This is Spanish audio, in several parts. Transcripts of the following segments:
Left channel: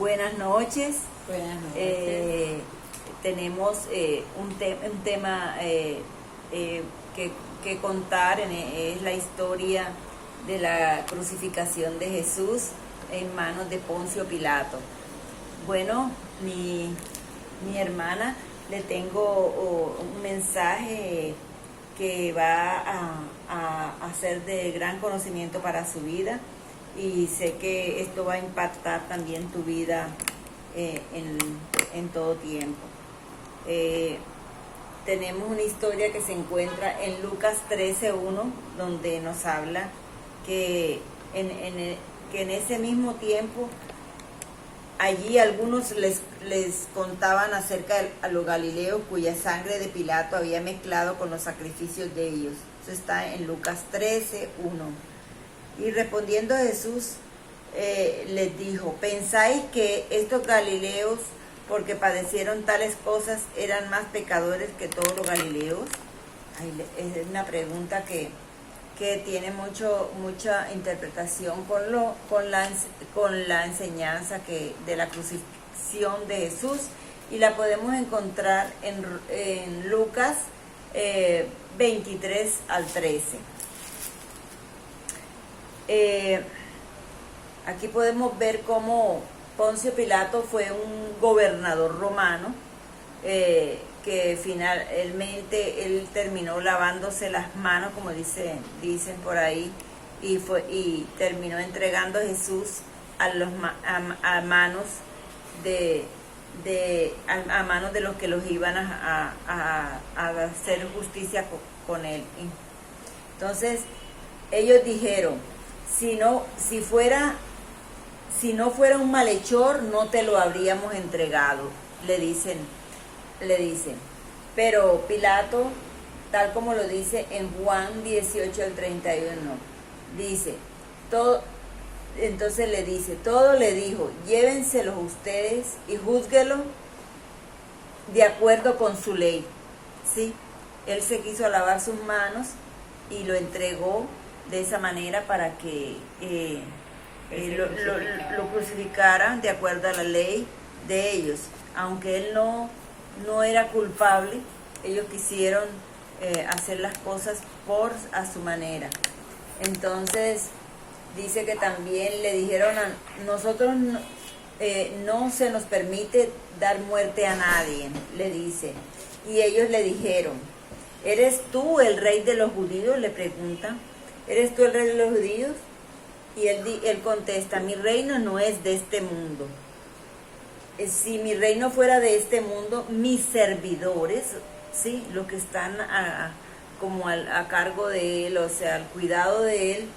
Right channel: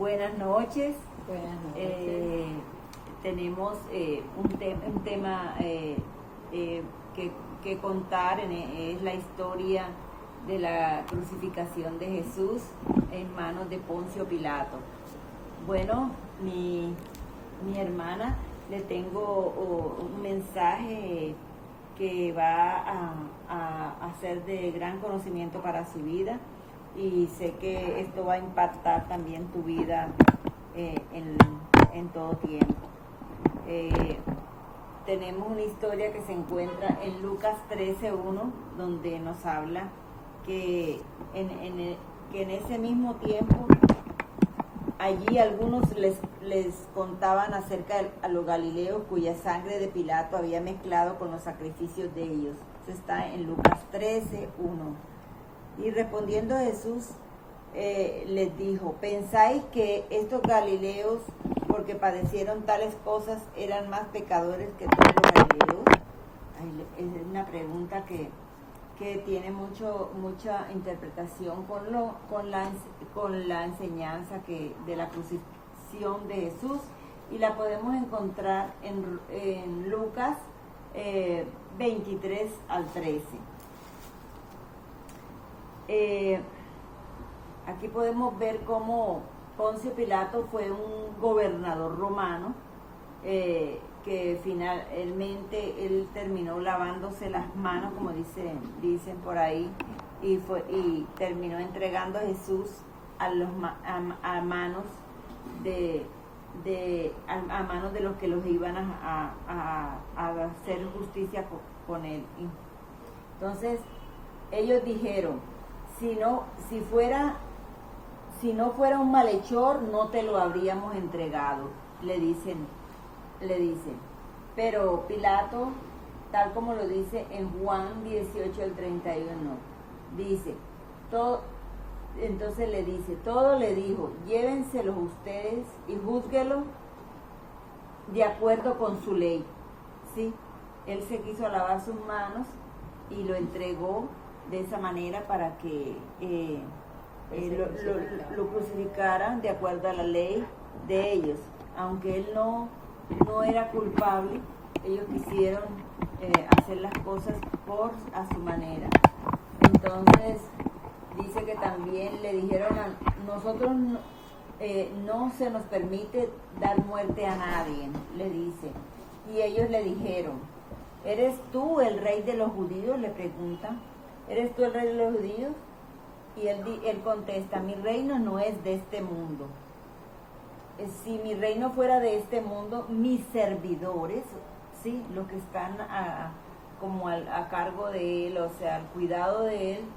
Buenas noches. Buenas noches. Tenemos un tema que contar, es la historia de la crucificación de Jesús en manos de Poncio Pilato. Bueno, mi hermana, le tengo un mensaje que va a ser de gran conocimiento para su vida, y sé que esto va a impactar también tu vida en todo tiempo. Tenemos una historia que se encuentra en Lucas 13:1, donde nos habla que en ese mismo tiempo allí algunos les contaban acerca a los galileos cuya sangre de Pilato había mezclado con los sacrificios de ellos. Eso está en Lucas 13:1. Y respondiendo Jesús les dijo: ¿pensáis que estos galileos, porque padecieron tales cosas, eran más pecadores que todos los galileos? Es una pregunta que tiene mucha interpretación con la enseñanza de la crucifixión de Jesús, y la podemos encontrar en Lucas 23 al 13. Aquí podemos ver cómo Poncio Pilato fue un gobernador romano, que finalmente él terminó lavándose las manos, como dicen por ahí, y terminó entregando a Jesús a manos de los que los iban a hacer justicia con él. Entonces ellos dijeron: si no fuera un malhechor, no te lo habríamos entregado, le dicen. Pero Pilato, tal como lo dice en Juan 18 al 31, dice, entonces le dice, todo le dijo: llévenselos ustedes y júzguelo de acuerdo con su ley. ¿Sí? Él se quiso lavar sus manos y lo entregó de esa manera para que lo crucificaran de acuerdo a la ley de ellos. Aunque él no era culpable, ellos quisieron hacer las cosas a su manera. Entonces dice que también le dijeron: nosotros no se nos permite dar muerte a nadie, le dice. Y ellos le dijeron: ¿eres tú el rey de los judíos?, le preguntan. ¿Eres tú el rey de los judíos? Y él contesta: mi reino no es de este mundo. Si mi reino fuera de este mundo, mis servidores, ¿sí?, los que están como a cargo de él, o sea, al cuidado de él,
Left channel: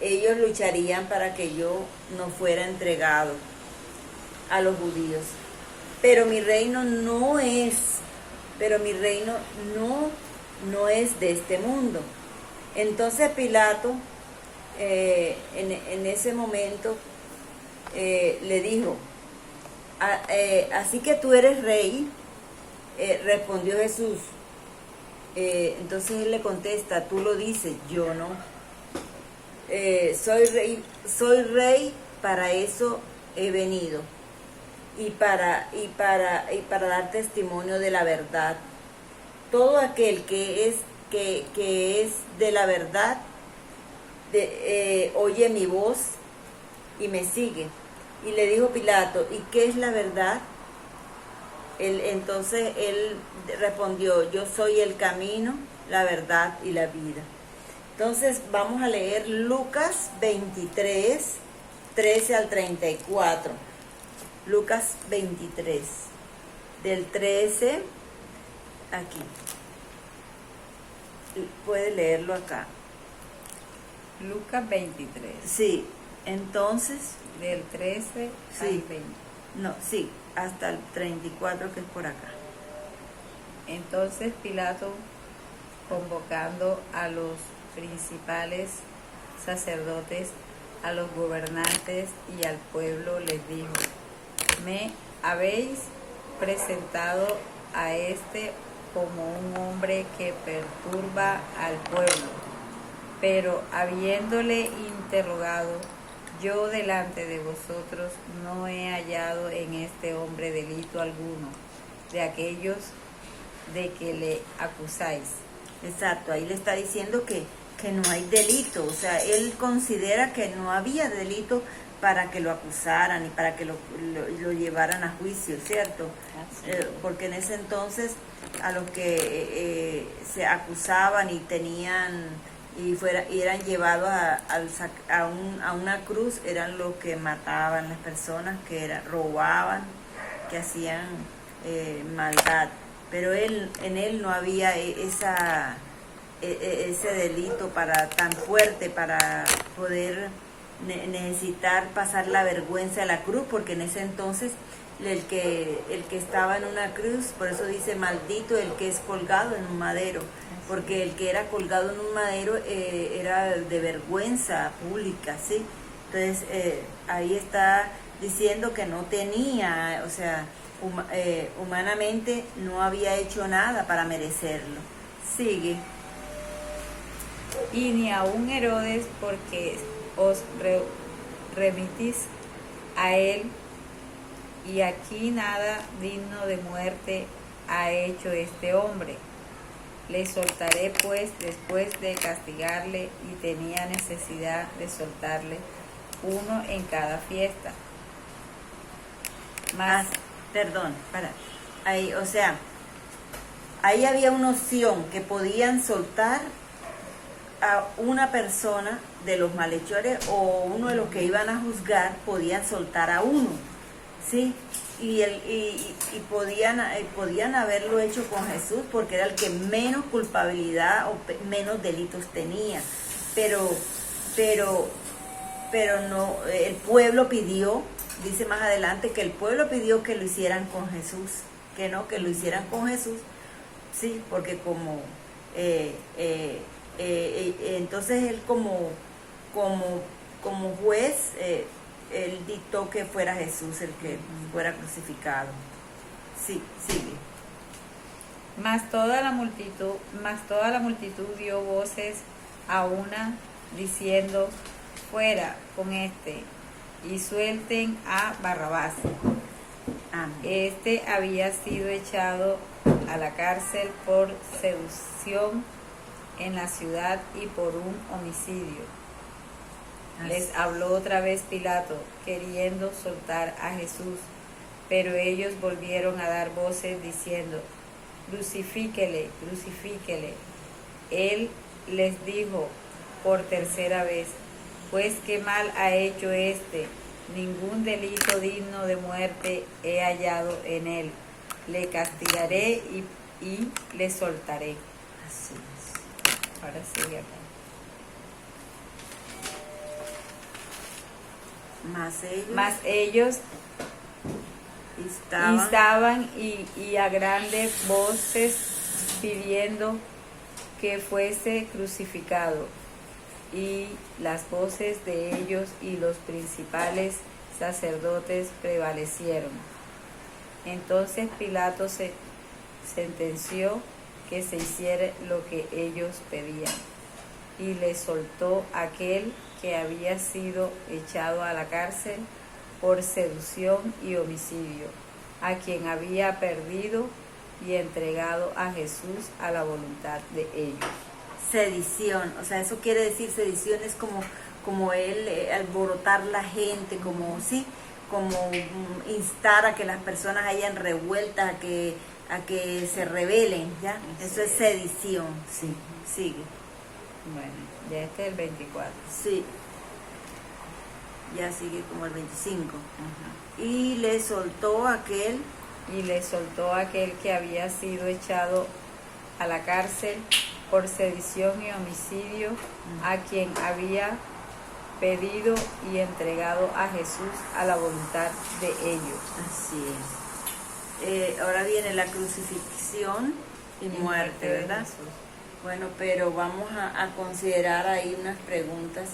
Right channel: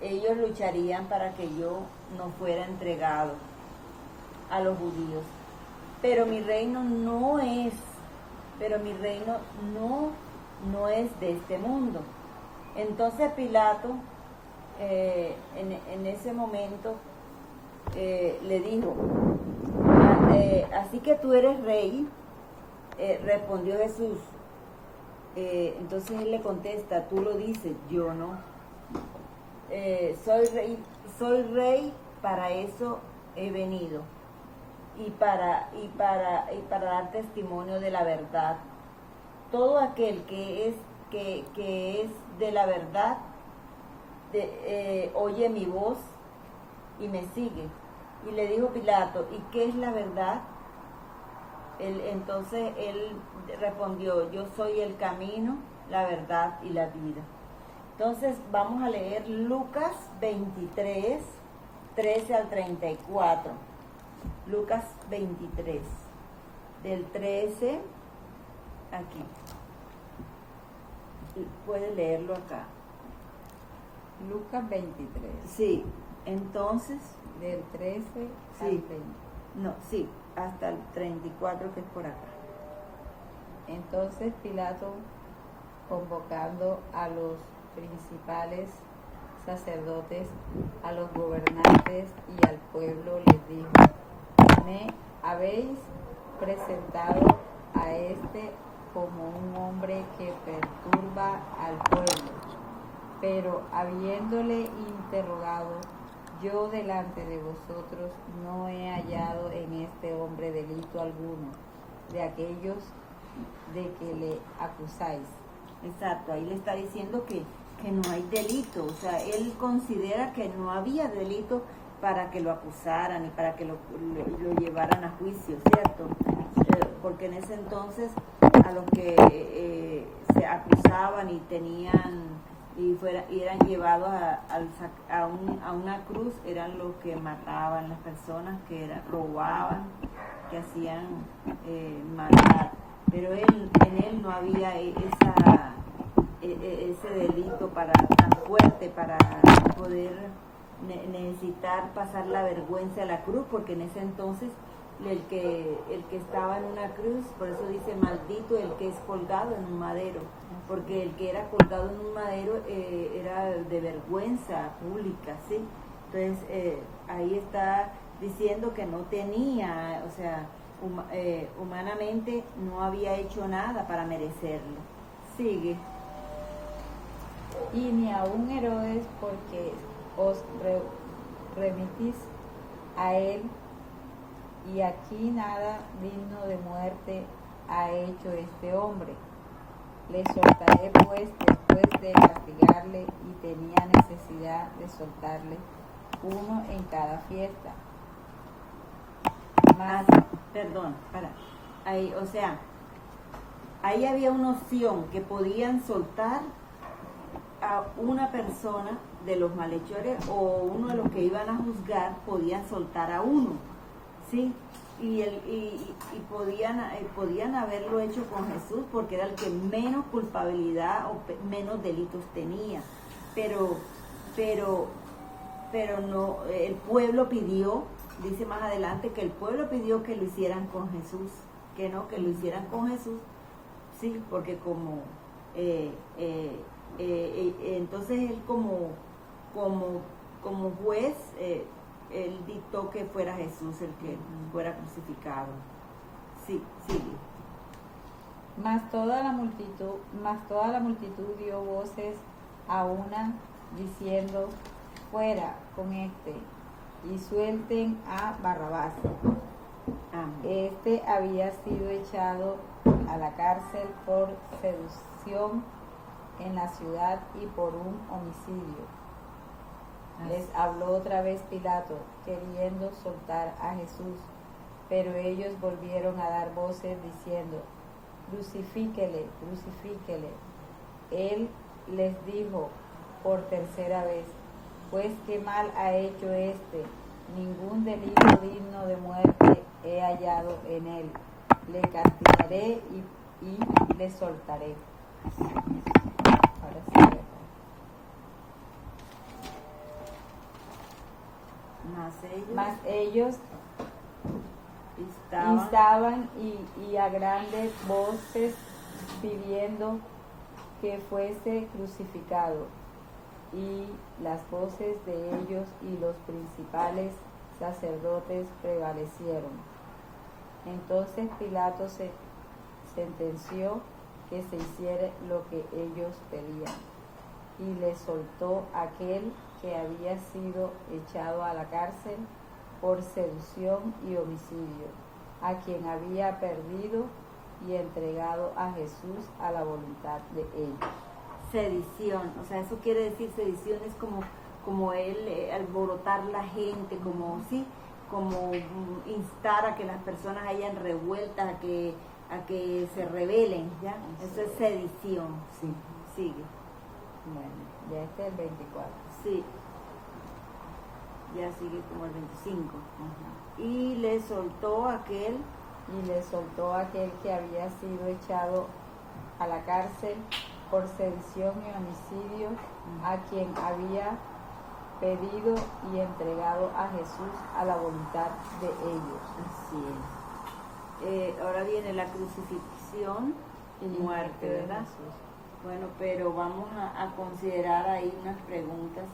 ellos lucharían para que yo no fuera entregado a los judíos. Pero mi reino no es de este mundo. Entonces Pilato en ese momento le dijo: así que tú eres rey. Respondió Jesús. Entonces él le contesta: tú lo dices, yo no. Soy rey, para eso he venido, y para dar testimonio de la verdad. Todo aquel que es de la verdad oye mi voz y me sigue. Y le dijo Pilato: ¿y qué es la verdad? Entonces él respondió: yo soy el camino, la verdad y la vida. Entonces vamos a leer Lucas 23, 13 al 34. Lucas 23, del 13 aquí. Puede leerlo acá. Lucas 23. Sí, entonces. Del 13 al 20. No, sí, hasta el 34, que es por acá. Entonces Pilato, convocando a los principales sacerdotes, a los gobernantes y al pueblo, les dijo: me habéis presentado a este como un hombre que perturba al pueblo. Pero habiéndole interrogado yo delante de vosotros no he hallado en este hombre delito alguno de aquellos de que le acusáis. Exacto, ahí le está diciendo que no hay delito, o sea, él considera que no había delito para que lo acusaran y para que lo llevaran a juicio, ¿cierto? Porque en ese entonces a los que se acusaban y tenían y eran llevados a una cruz eran los que mataban las personas, robaban, que hacían maldad, pero en él no había ese delito tan fuerte para poder necesitar pasar la vergüenza a la cruz, porque en ese entonces el que estaba en una cruz, por eso dice maldito el que es colgado en un madero, porque el que era colgado en un madero era de vergüenza pública, ¿sí? Entonces ahí está diciendo que no tenía, o sea, humanamente no había hecho nada para merecerlo. Sigue. Y ni aun Herodes, porque os remitís a él, y aquí nada digno de muerte ha hecho este hombre. Le soltaré pues después de castigarle, y tenía necesidad de soltarle uno en cada fiesta. Ahí, o sea, ahí había una opción que podían soltar a una persona de los malhechores, o uno de los que iban a juzgar podían soltar a uno, ¿sí? Y podían haberlo hecho con Jesús, porque era el que menos culpabilidad o menos delitos tenía, pero no, el pueblo pidió, dice más adelante, que el pueblo pidió que lo hicieran con Jesús, que lo hicieran con Jesús, sí, porque como entonces él como juez, él dictó que fuera Jesús el que fuera crucificado. Sí, sigue. Mas toda la multitud dio voces a una, diciendo: fuera con este, y suelten a Barrabás. Amén. Este había sido echado a la cárcel por seducción en la ciudad y por un homicidio. Les habló otra vez Pilato, queriendo soltar a Jesús, pero ellos volvieron a dar voces diciendo: crucifíquele, crucifíquele. Él les dijo por tercera vez: pues qué mal ha hecho este, ningún delito digno de muerte he hallado en él. Le castigaré y le soltaré. Así es. Ahora sí, acá. Mas ellos estaban y a grandes voces pidiendo que fuese crucificado. Y las voces de ellos y los principales sacerdotes prevalecieron. Entonces Pilato se sentenció que se hiciera lo que ellos pedían, y le soltó aquel que había sido echado a la cárcel por seducción y homicidio, a quien había perdido y entregado a Jesús a la voluntad de ellos. Sedición, o sea, eso quiere decir, sedición es como él alborotar la gente, como instar a que las personas hayan revueltas, a que se rebelen, ¿ya? Eso es sedición, sí, sigue. Bueno, ya este es el 24. Sí, ya sigue como el 25. Ajá. Y le soltó aquel que había sido echado a la cárcel por sedición y homicidio, a quien había pedido y entregado a Jesús a la voluntad de ellos. Así es. Ahora viene la crucifixión y muerte, ¿verdad? Jesús. Bueno, pero vamos a considerar ahí unas preguntas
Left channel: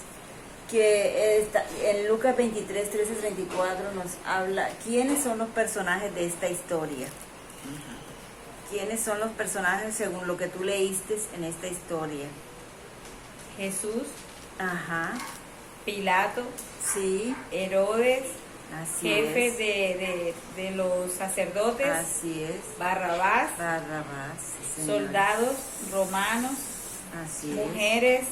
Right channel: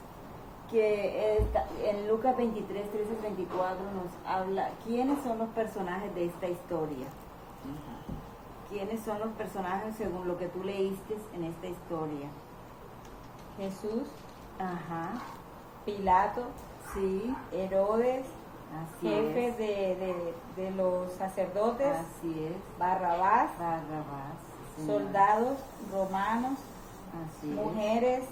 que en Lucas 23, 13, 34 nos habla, ¿quiénes son los personajes de esta historia? ¿Quiénes son los personajes según lo que tú leíste en esta historia? Jesús, Ajá. Pilato, Sí, Herodes, así jefe es. de los sacerdotes, Así es. Barrabás, Barrabás, sí, señor. soldados romanos, Así mujeres, es.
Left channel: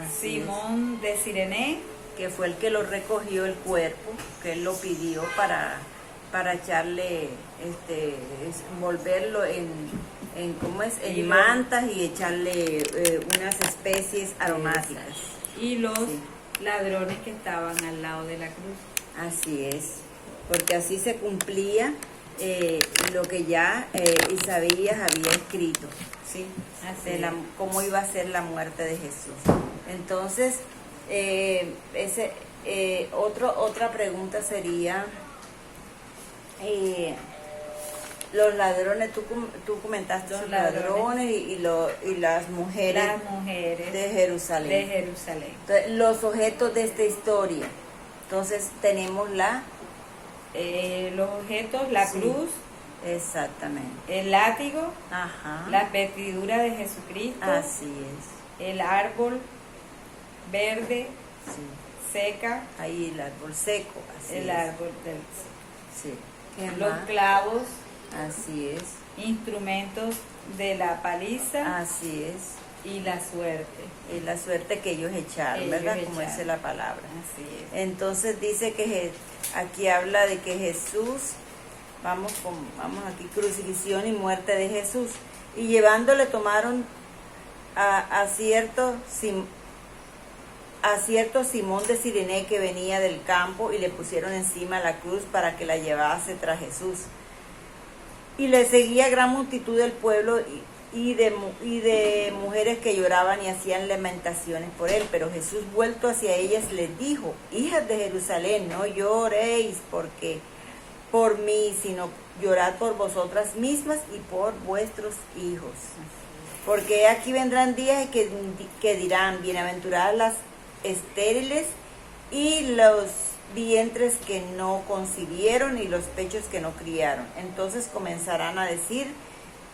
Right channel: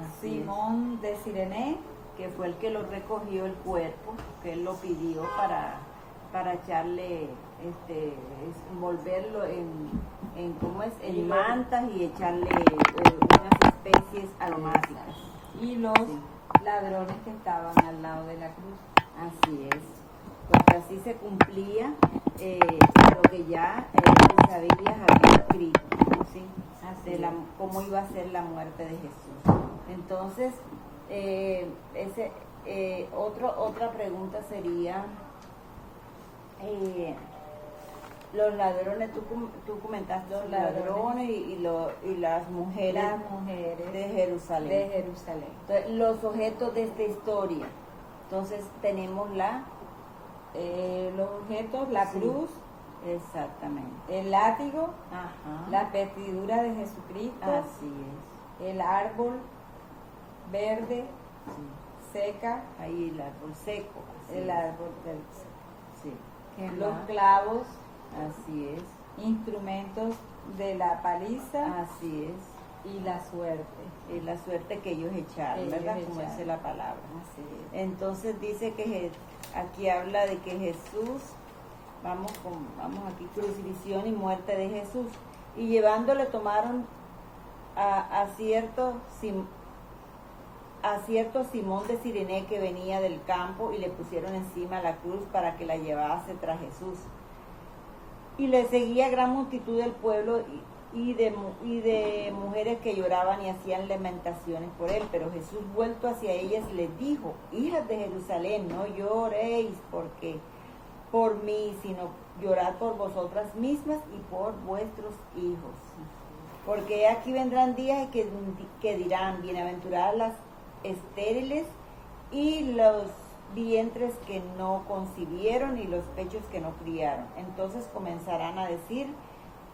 Así Simón de Sirene, es. Que fue el que lo recogió el cuerpo, que él lo pidió para echarle, envolverlo en ¿cómo es? Y En lo- mantas y echarle unas especies aromáticas. y los Sí. ladrones que estaban al lado de la cruz. Así es, porque así se cumplía lo que ya Isaías había escrito, ¿sí? Así De es. cómo iba a ser la muerte de Jesús. Entonces, otra pregunta sería, los ladrones, tú comentaste Los los ladrones. ladrones y las mujeres Las mujeres de Jerusalén. de Jerusalén. Entonces, los objetos de esta historia. Entonces tenemos Los objetos, la Sí. cruz, exactamente. el látigo, Ajá. las vestiduras de Jesucristo, Así es. el árbol verde, Sí. seca, Ahí el árbol seco. Así el es. árbol del Sí. ¿Qué los más? clavos, Así es. instrumentos de la paliza Así es. y la suerte. Y la suerte que ellos echaron, Ellos ¿verdad? Como echaron. dice la palabra. Así es. Entonces dice que aquí habla de que Jesús, vamos aquí, crucifixión y muerte de Jesús. Y llevándole tomaron a cierto Simón de Sirene que venía del campo y le pusieron encima la cruz para que la llevase tras Jesús. Y le seguía gran multitud del pueblo y de mujeres que lloraban y hacían lamentaciones por él. Pero Jesús, vuelto hacia ellas, les dijo: hijas de Jerusalén, no lloréis por mí, sino llorad por vosotras mismas y por vuestros hijos. Porque aquí vendrán días que dirán: bienaventuradas las estériles y los vientres que no concibieron y los pechos que no criaron. Entonces comenzarán a decir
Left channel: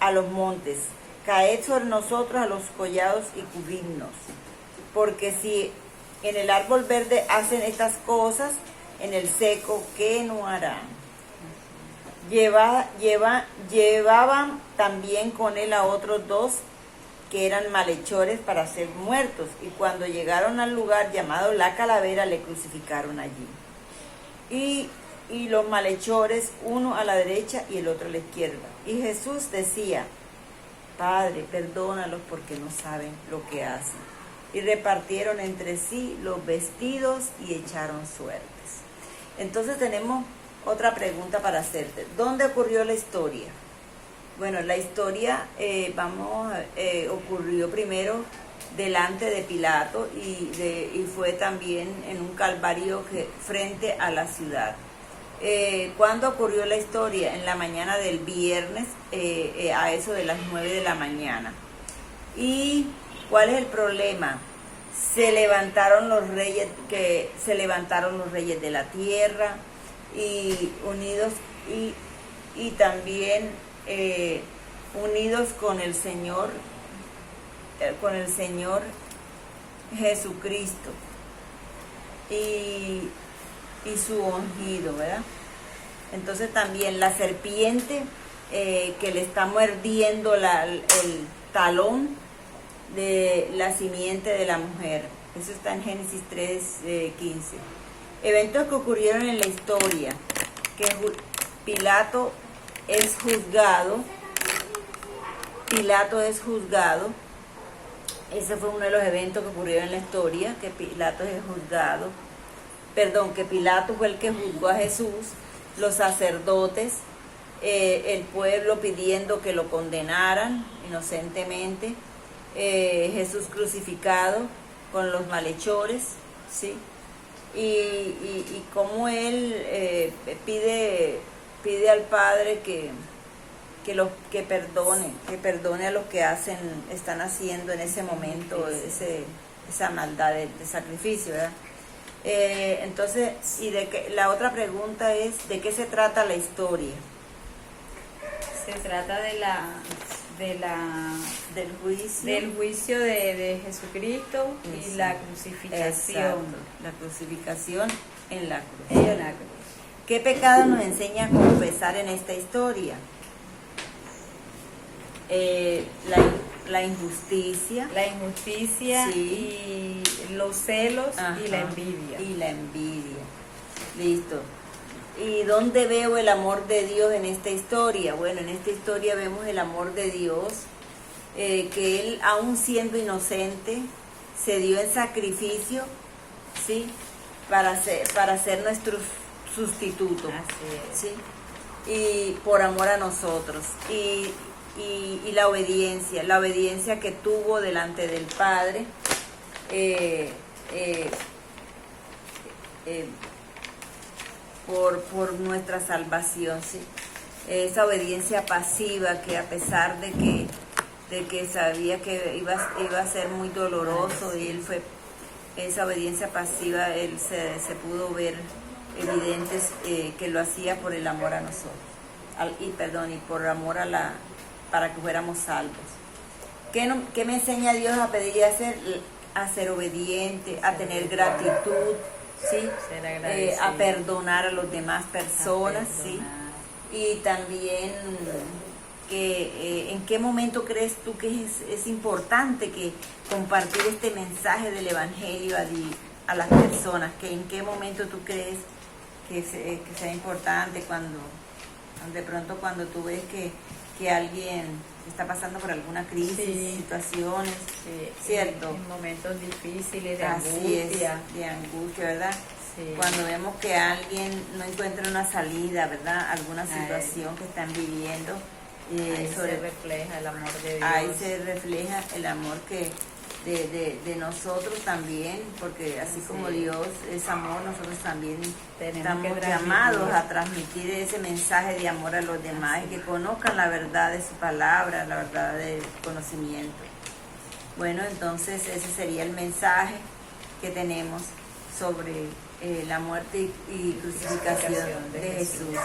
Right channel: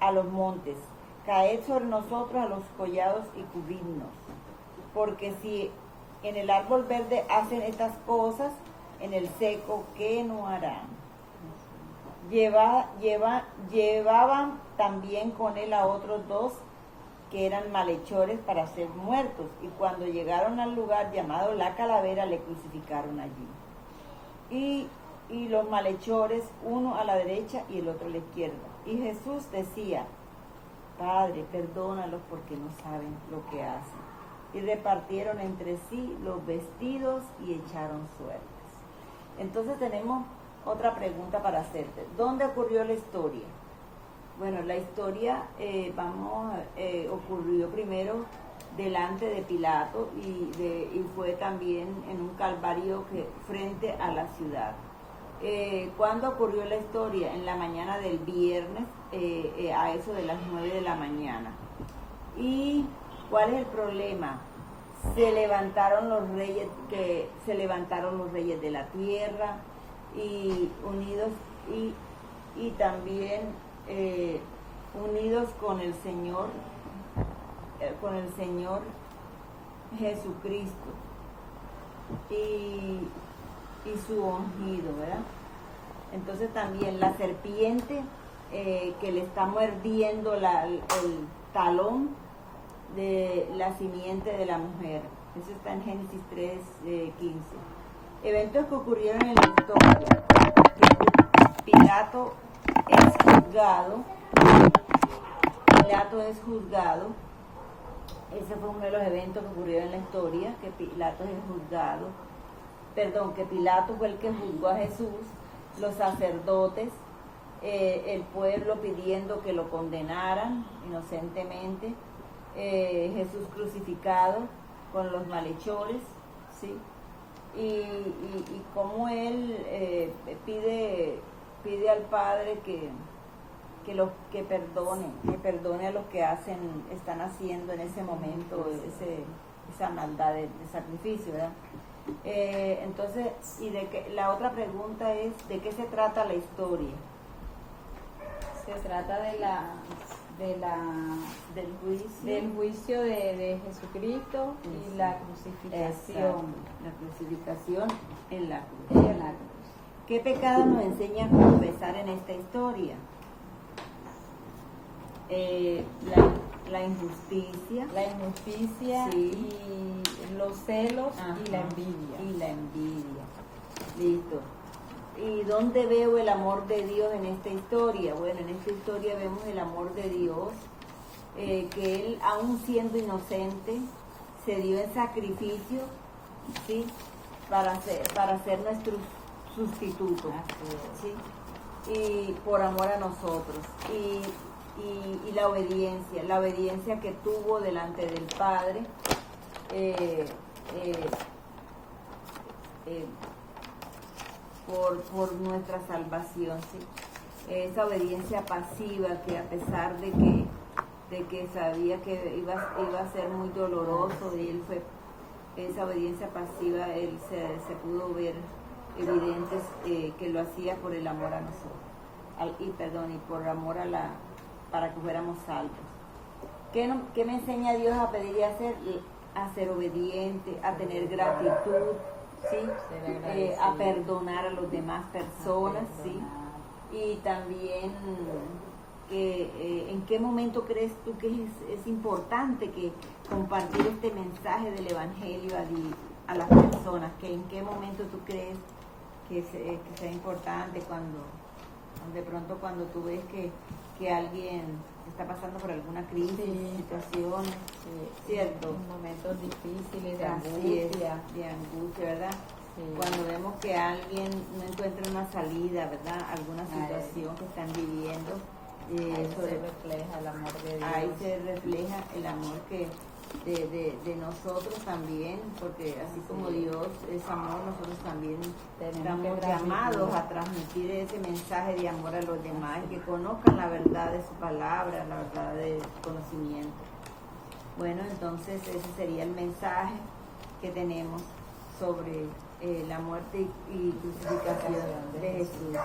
a los montes: caed sobre nosotros, a los collados, y cubridnos. Porque si en el árbol verde hacen estas cosas, en el seco, ¿qué no harán? Llevaban también con él a otros dos que eran malhechores para ser muertos, y cuando llegaron al lugar llamado La Calavera, le crucificaron allí. Y los malhechores, uno a la derecha y el otro a la izquierda. Y Jesús decía: Padre, perdónalos porque no saben lo que hacen. Y repartieron entre sí los vestidos y echaron suertes. Entonces tenemos otra pregunta para hacerte. ¿Dónde ocurrió la historia? Bueno, la historia ocurrió primero delante de Pilato y fue también en un calvario frente a la ciudad. ¿Cuándo ocurrió la historia? En la mañana del viernes, a eso de las 9 de la mañana. ¿Y cuál es el problema? Se levantaron los reyes de la tierra y unidos y también unidos con el Señor Jesucristo y su ungido, ¿verdad? Entonces también la serpiente que le está mordiendo el talón de la simiente de la mujer. Eso está en Génesis 3:15. Eventos que ocurrieron en la historia, que Pilato es juzgado. Ese fue uno de los eventos que ocurrieron en la historia, que Pilato es juzgado. Que Pilato fue el que juzgó a Jesús, los sacerdotes, el pueblo pidiendo que lo condenaran inocentemente, Jesús crucificado con los malhechores, ¿sí? Y cómo él pide al Padre que perdone a los que están haciendo en ese momento esa maldad de sacrificio, ¿verdad? Entonces, la otra pregunta es: ¿de qué se trata la historia? Se trata de la del juicio de Jesucristo y Eso. la crucificación. Exacto, la crucificación en la cruz. En la cruz. ¿Qué pecado nos enseña a confesar en esta historia? La injusticia. La injusticia Sí. y los celos Ajá, y la envidia. Y la envidia. Listo. ¿Y dónde veo el amor de Dios en esta historia? Bueno, en esta historia vemos el amor de Dios, que Él, aún siendo inocente, se dio en sacrificio, ¿sí? Para ser nuestro sustituto. Así es. ¿Sí? Y por amor a nosotros. Y la obediencia que tuvo delante del Padre, por nuestra salvación, ¿sí? Esa obediencia pasiva que a pesar de que sabía que iba a ser muy doloroso, y él fue, esa obediencia pasiva, él se pudo ver evidentes, que lo hacía por el amor a nosotros, y por amor para que fuéramos salvos. ¿Qué me enseña Dios a pedir y a hacer? A ser obediente, a tener gratitud, ¿sí? Ser agradecido. A perdonar a las demás personas, ¿sí? Y también, ¿en qué momento crees tú que es importante que compartir este mensaje del Evangelio a las personas? ¿En qué momento tú crees que sea importante? De pronto cuando tú ves que alguien está pasando por alguna crisis, Sí. situaciones, Sí, ¿cierto? En momentos difíciles, de Así angustia. es, de angustia, ¿verdad? Sí. Cuando vemos que alguien no encuentra una salida, ¿verdad? Alguna situación que están viviendo, Ahí se refleja el amor de Dios. ahí se refleja el amor de nosotros también, porque así como Dios es amor, nosotros también Tenemos que estamos transmitir. llamados a transmitir ese mensaje de amor a los demás y que conozcan la verdad de su palabra, la verdad del conocimiento. Bueno, entonces ese sería el mensaje que tenemos sobre la muerte y crucificación de Jesús.